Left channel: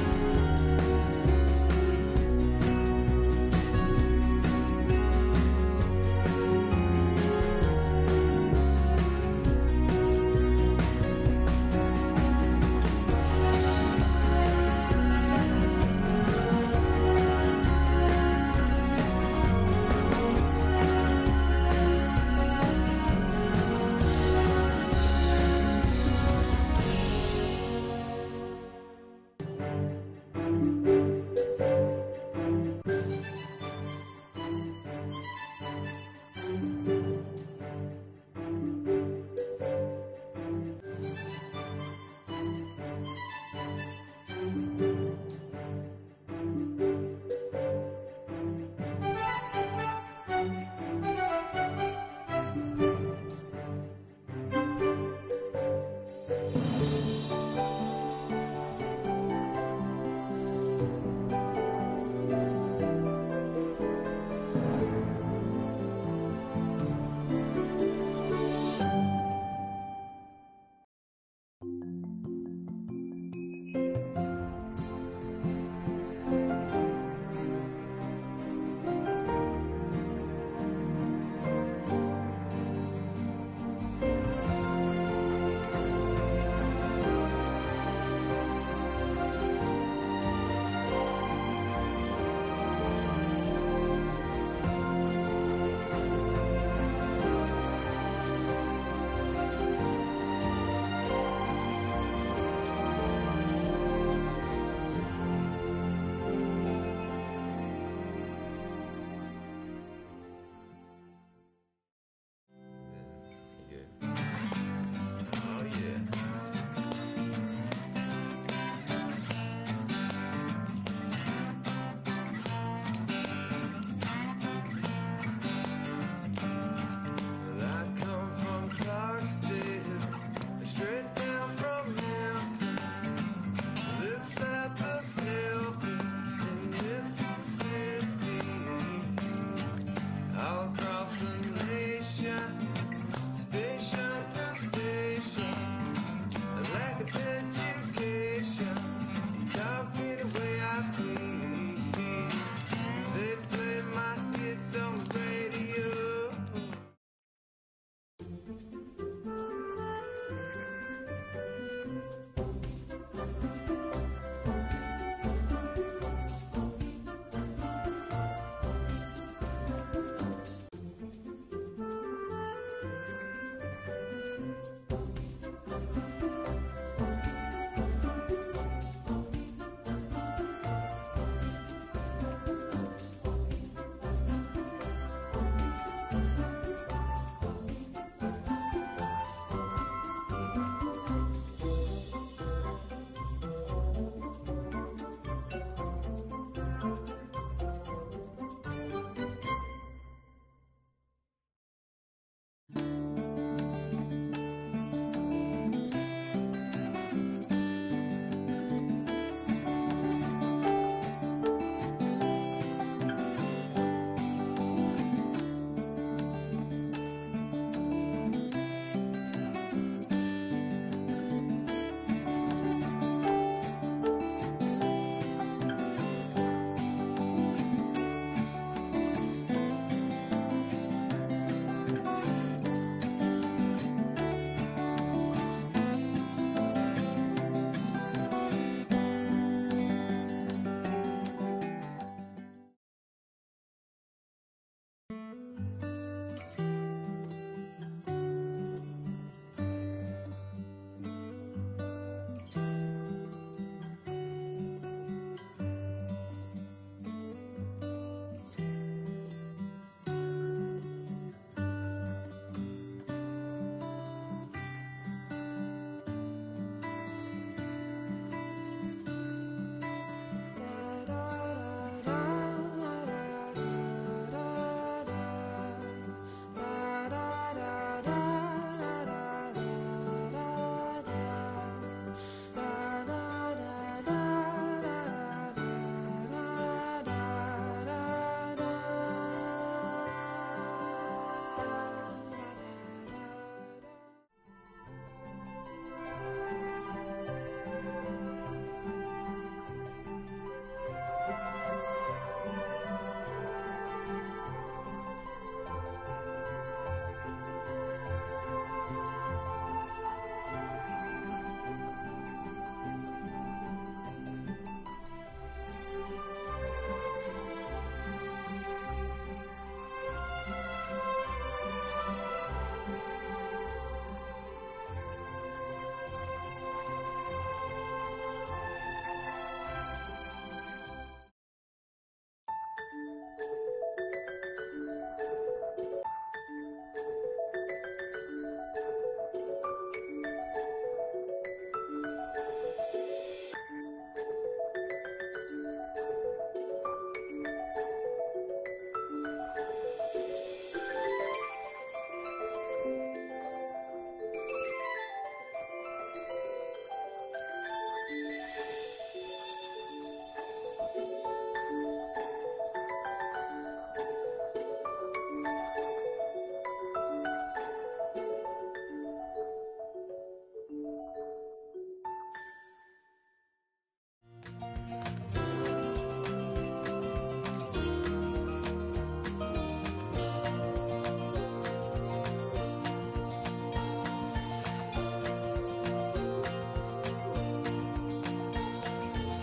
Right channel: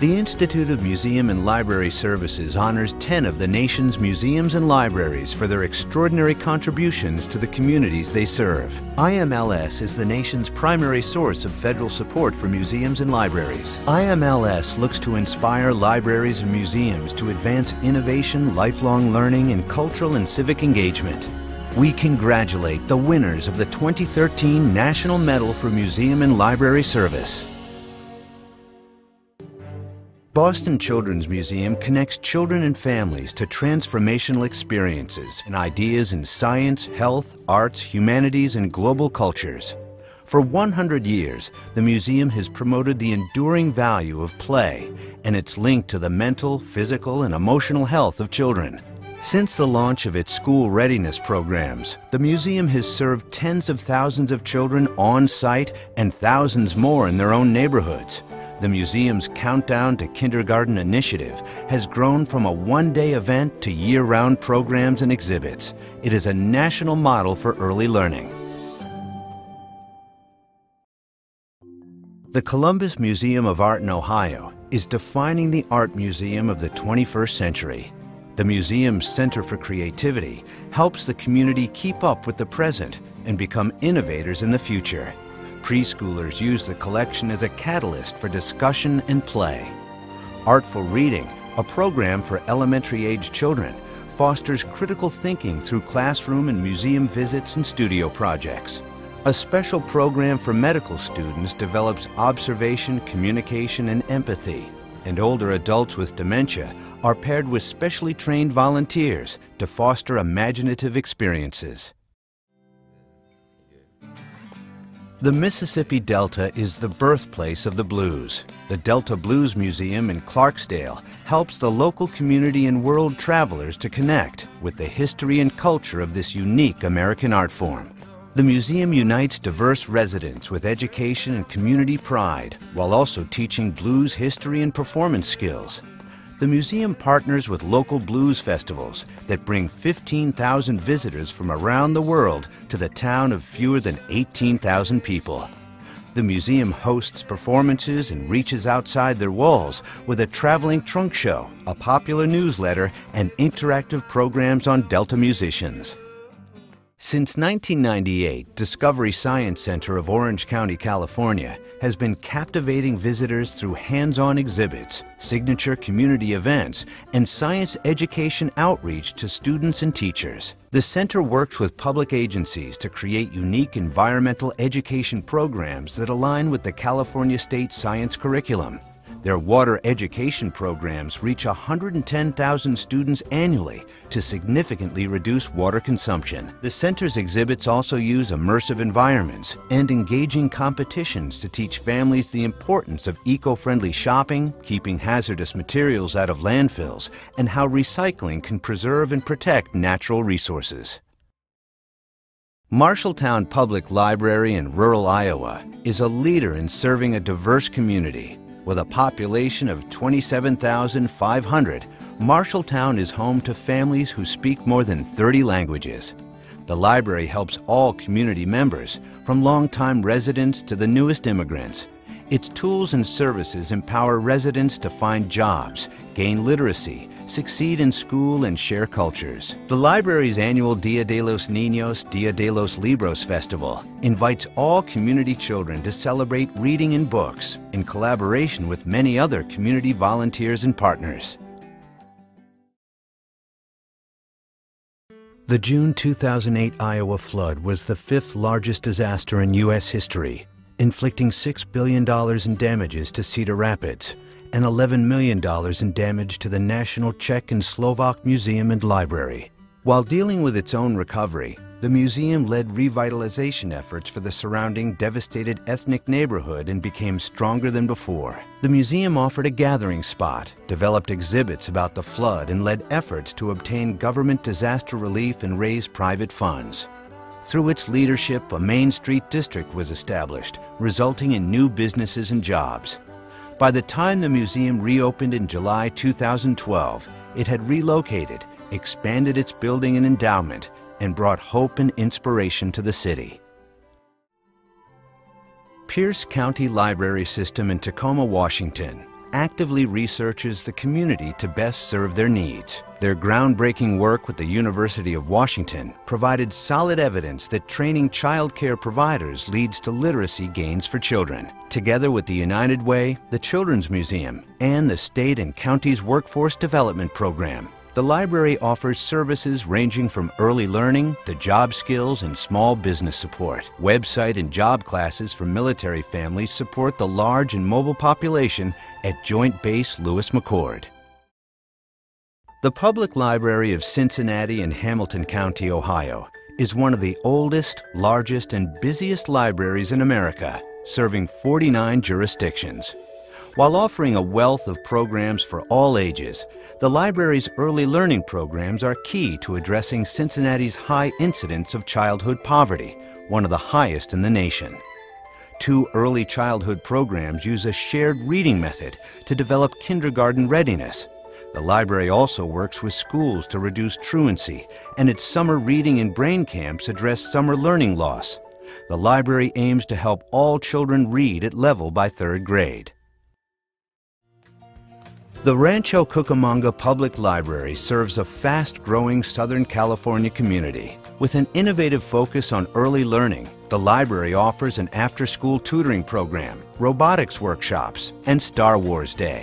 The Institute of Museum and Library Services honors 10 of the nation's museums and libraries for their extraordinary contributions to the communities they serve. IMLS is the nation's primary source of federal support for museums and libraries. IMLS looks to inspire libraries and museums to advance innovation, lifelong learning, and cultural and civic engagement. We congratulate the winners of the 2013 National Medal for Museum and Library Service. Boston Children's Museum connects children and families to transformational experiences and ideas in science, health, arts, humanities, and global cultures. For 100 years, the museum has promoted the enduring value of play and its link to the mental, physical, and emotional health of children. Since the launch of its school readiness programs, the museum has served tens of thousands of children on site and thousands more in their own neighborhoods. The museum's Countdown to Kindergarten initiative has grown from a one-day event to year-round programs and exhibits. It is a national model for early learning. The Columbus Museum of Art in Ohio is defining the art museum of the 21st century. The museum's Center for Creativity helps the community keep up with the present and become innovators in the future. Preschoolers use the collection as a catalyst for discussion and play. Artful Reading, a program for elementary-age children, fosters critical thinking through classroom and museum visits and studio projects. A special program for medical students develops observation, communication, and empathy. And older adults with dementia are paired with specially trained volunteers to foster imaginative experiences. The Mississippi Delta is the birthplace of the blues. The Delta Blues Museum in Clarksdale helps the local community and world travelers to connect with the history and culture of this unique American art form. The museum unites diverse residents with education and community pride, while also teaching blues history and performance skills. The museum partners with local blues festivals that bring 15,000 visitors from around the world to the town of fewer than 18,000 people. The museum hosts performances and reaches outside their walls with a traveling trunk show, a popular newsletter, and interactive programs on Delta musicians. Since 1998, Discovery Science Center of Orange County, California, has been captivating visitors through hands-on exhibits, signature community events, and science education outreach to students and teachers. The center works with public agencies to create unique environmental education programs that align with the California State Science curriculum. Their water education programs reach 110,000 students annually to significantly reduce water consumption. The center's exhibits also use immersive environments and engaging competitions to teach families the importance of eco-friendly shopping, keeping hazardous materials out of landfills, and how recycling can preserve and protect natural resources. Marshalltown Public Library in rural Iowa is a leader in serving a diverse community. With a population of 27,500, Marshalltown is home to families who speak more than 30 languages. The library helps all community members, from longtime residents to the newest immigrants. Its tools and services empower residents to find jobs, gain literacy, succeed in school, and share cultures. The library's annual Dia de los Niños, Dia de los Libros Festival invites all community children to celebrate reading and books in collaboration with many other community volunteers and partners. The June 2008 Iowa flood was the 5th largest disaster in U.S. history, inflicting $6 billion in damages to Cedar Rapids and $11 million in damage to the National Czech and Slovak Museum and Library. While dealing with its own recovery, the museum led revitalization efforts for the surrounding devastated ethnic neighborhood and became stronger than before. The museum offered a gathering spot, developed exhibits about the flood, and led efforts to obtain government disaster relief and raise private funds. Through its leadership, a Main Street district was established, resulting in new businesses and jobs. By the time the museum reopened in July 2012, it had relocated, expanded its building and endowment, and brought hope and inspiration to the city. Pierce County Library System in Tacoma, Washington actively researches the community to best serve their needs. Their groundbreaking work with the University of Washington provided solid evidence that training child care providers leads to literacy gains for children. Together with the United Way, the Children's Museum, and the state and county's workforce development program, the library offers services ranging from early learning to job skills and small business support. Website and job classes for military families support the large and mobile population at Joint Base Lewis McChord. The Public Library of Cincinnati and Hamilton County, Ohio, is one of the oldest, largest, and busiest libraries in America, serving 49 jurisdictions. While offering a wealth of programs for all ages, the library's early learning programs are key to addressing Cincinnati's high incidence of childhood poverty, one of the highest in the nation. 2 early childhood programs use a shared reading method to develop kindergarten readiness. The library also works with schools to reduce truancy, and its summer reading and brain camps address summer learning loss. The library aims to help all children read at level by 3rd grade. The Rancho Cucamonga Public Library serves a fast-growing Southern California community. With an innovative focus on early learning, the library offers an after-school tutoring program, robotics workshops, and Star Wars Day.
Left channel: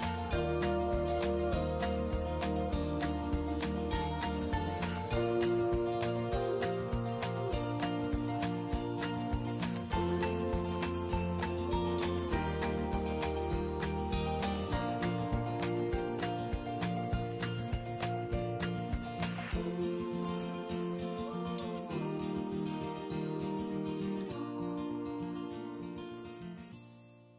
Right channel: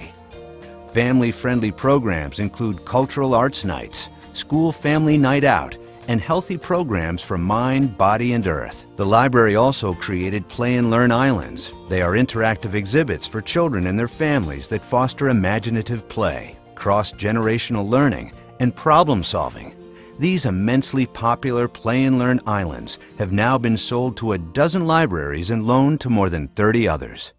Family-friendly programs include cultural arts nights, school family night out, and healthy programs for mind, body, and earth. The library also created Play and Learn Islands. They are interactive exhibits for children and their families that foster imaginative play, cross-generational learning, and problem solving. These immensely popular Play and Learn Islands have now been sold to a dozen libraries and loaned to more than 30 others.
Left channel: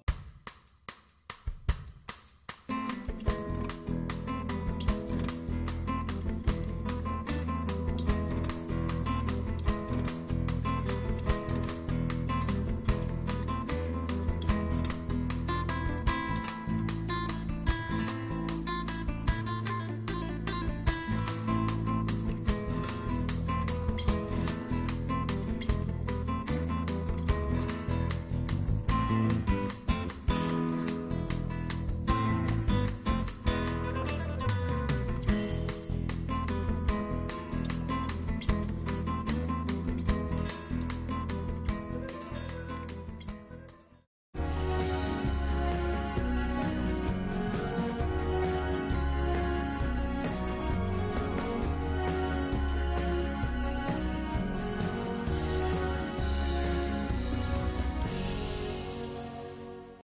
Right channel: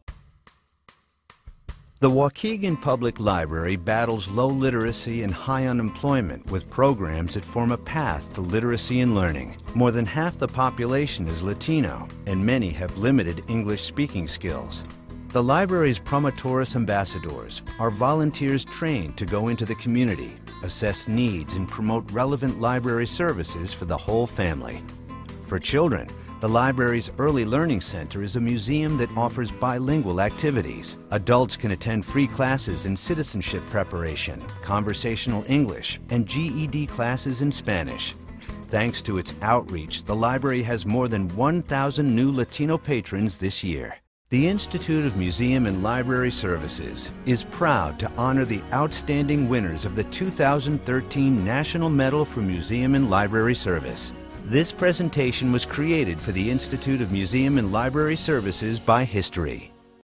The Waukegan Public Library battles low literacy and high unemployment with programs that form a path to literacy and learning. More than half the population is Latino, and many have limited English speaking skills. The library's Promotoris Ambassadors are volunteers trained to go into the community, assess needs, and promote relevant library services for the whole family. For children, the library's Early Learning Center is a museum that offers bilingual activities. Adults can attend free classes in citizenship preparation, conversational English, and GED classes in Spanish. Thanks to its outreach, the library has more than 1,000 new Latino patrons this year. The Institute of Museum and Library Services is proud to honor the outstanding winners of the 2013 National Medal for Museum and Library Service. This presentation was created for the Institute of Museum and Library Services by History.